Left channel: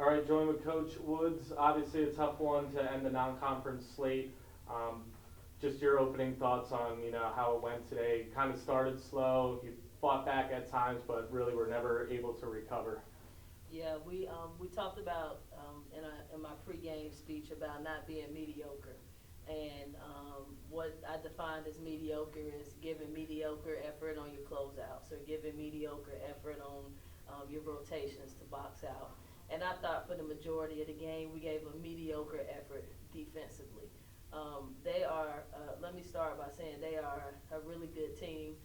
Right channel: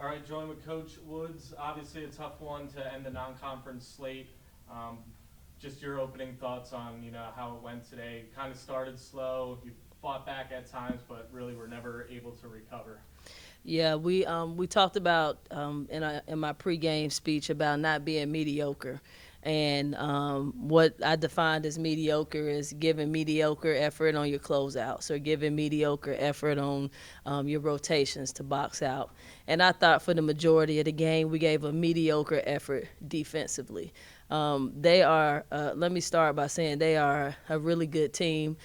All right, join with Coach Woods. Obviously, a tough one to end the non-conference slate. Just your opening thoughts on how it went today. Kind of started slow. You fought back at times, but really were never able to recover. Yeah, we talked about in my pregame speech about not being mediocre, and what I defined as mediocre is giving mediocre effort on your closeouts or giving mediocre effort on your rotations to box out. And I thought for the majority of the game we gave a mediocre effort defensively. They are. Let me start by saying they are a really good team.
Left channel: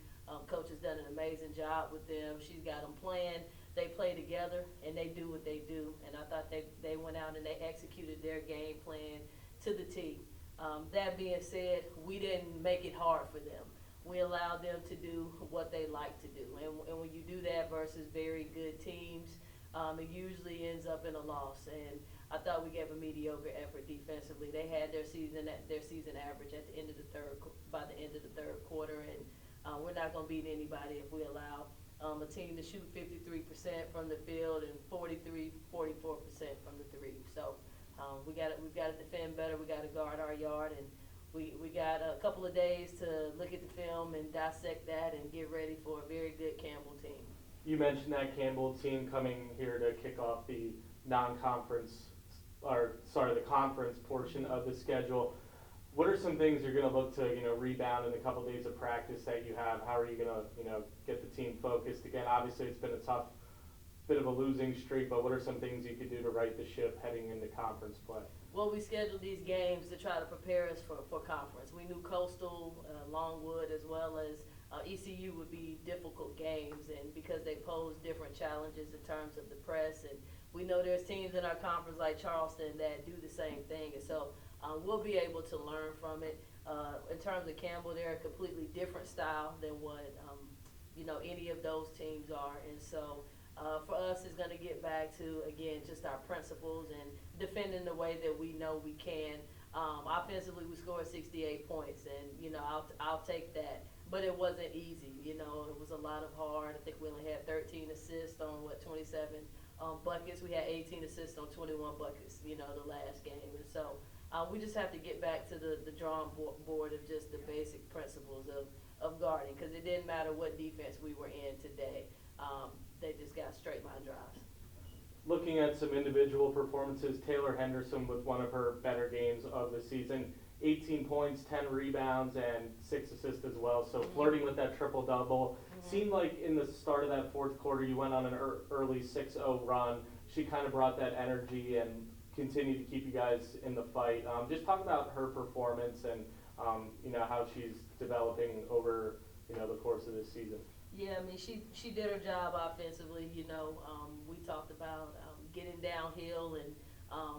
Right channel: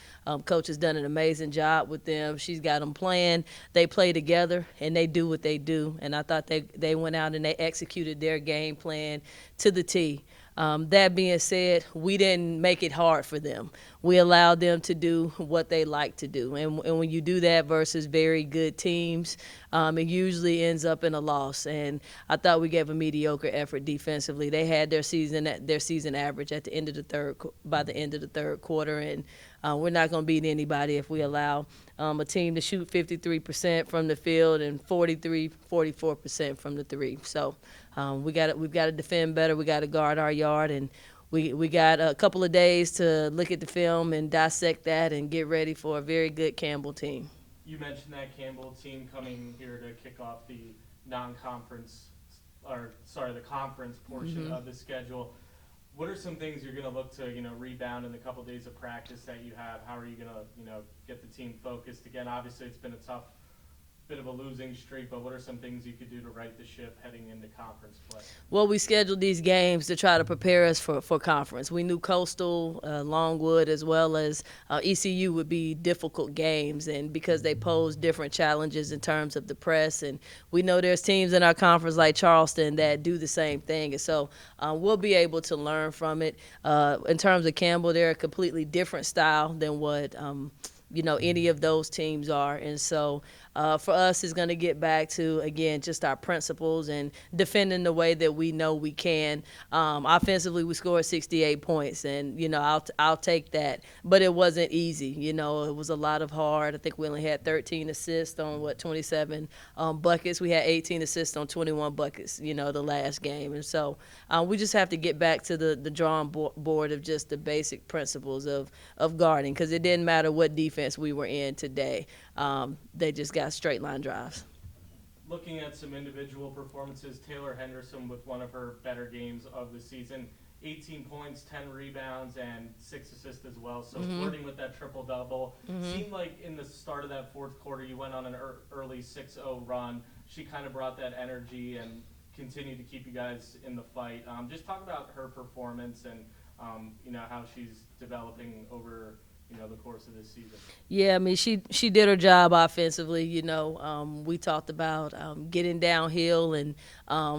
Coach has done an amazing job with them. She's got them playing. They play together, and they do what they do. And I thought they went out and they executed their game plan to the T. That being said, we didn't make it hard for them. We allowed them to do what they like to do. And when you do that versus very good teams, it usually ends up in a loss. And I thought we gave a mediocre effort defensively. They had their season average at the end of the by the end of the third quarter, and we're not going to beat anybody if we allow a team to shoot 53% from the field and 44% from the three. So we've got to defend better. We got to guard our yard, and we got a couple of days to look at the film and dissect that and get ready for a very good Campbell team. You mentioned that Campbell team coming here to kick off the the conference portion of the schedule. What are some things you're going to look to, rebound in the couple days of practice that you have? How are you going to, get the team focused again? Obviously, it's been a tough bit of a losing streak, but what are some things you could do to right the ship heading into conference play? Well, we scheduled these games to try to prepare us for conference. We knew Coastal, Longwood, as well as ECU would be difficult games, and because they pose different challenges in terms of the press, and we know there's teams in our conference like Charleston that do the same thing, and so we'll be able to learn from it. In terms of Campbell, they're a completely different style than what any of those teams are, and so for us, it's going to get back to, again, just our principles and defending the way that we know we can. Offensively, we scored 68 points, and, I'll take that. But it wasn't easy. It was a lot of hard. I think we only had 13 assists on, 27 buckets. We had 18 assists on 21 buckets, the last game. And so we just have to get back to the drawing board of just the basic principles of guarding, because it didn't matter what defense we were in today. They just got straight line drives. Looking at some individual performances, Taylor Henderson with one of her better games of the season, 18 points, 10 rebounds, and 6 assists as well. So flirting with that triple-double. Seemed like in the start of that fourth quarter, you went on an early 6-0 run. She kind of brought that energy and continued to keep you guys in the fight. Just talk about her performance and how she's developing over the course of this season. Yeah, I mean, she did her job offensively. We talked about getting downhill and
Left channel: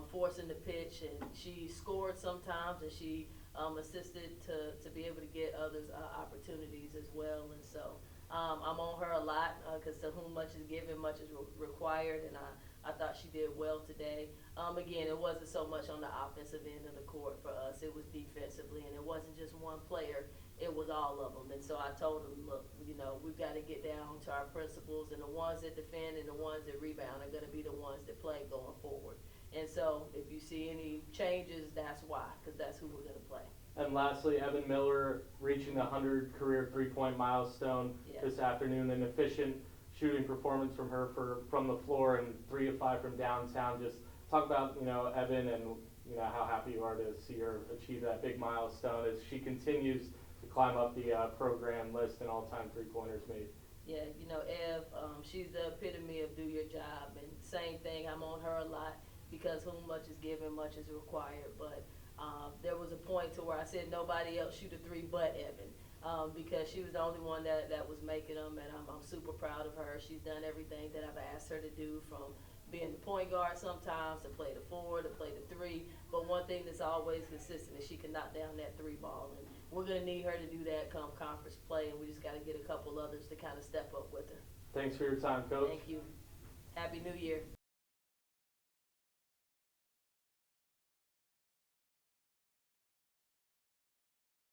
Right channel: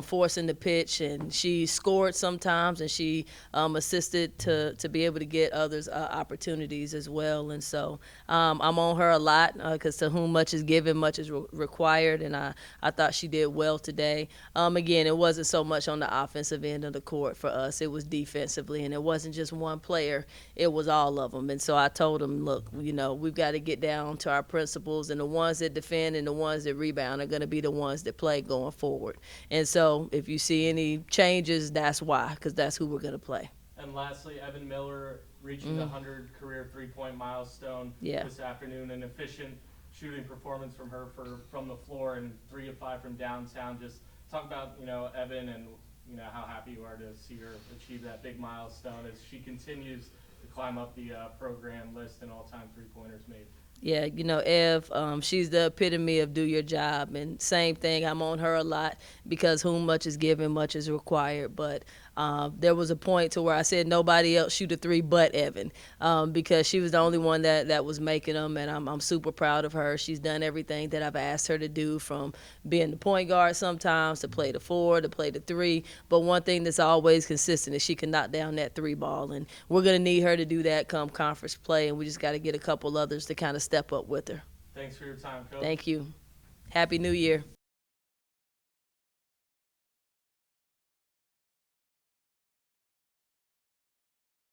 forcing the pitch, and she scored sometimes, and she assisted to be able to get others opportunities as well. And so I'm on her a lot, because to whom much is given, much is required, and I thought she did well today. Again, it wasn't so much on the offensive end of the court for us. It was defensively, and it wasn't just one player. It was all of them. And so I told them, look, we've got to get down to our principles, and the ones that defend and the ones that rebound are going to be the ones that play going forward. And so if you see any changes, that's why, because that's who we're going to play. And lastly, Evan Miller reaching the 100 career three-point milestone this afternoon. An efficient shooting performance from her from the floor and 3 of 5 from downtown. Just talk about Evan and how happy you are to see her achieve that big milestone as she continues to climb up the program list and all-time three-pointers made. Yeah, Ev, she's the epitome of do your job. And same thing, I'm on her a lot, because whom much is given, much is required. But there was a point to where I said nobody else shoot a three but Evan, because she was the only one that was making them, and I'm super proud of her. She's done everything that I've asked her to do, from being the point guard sometimes to play the 4, to play the 3. But one thing that's always consistent is she can knock down that 3 ball, and we're going to need her to do that come conference play, and we just got to get a couple others to kind of step up with her. Thanks for your time, Coach. Thank you. Happy New Year.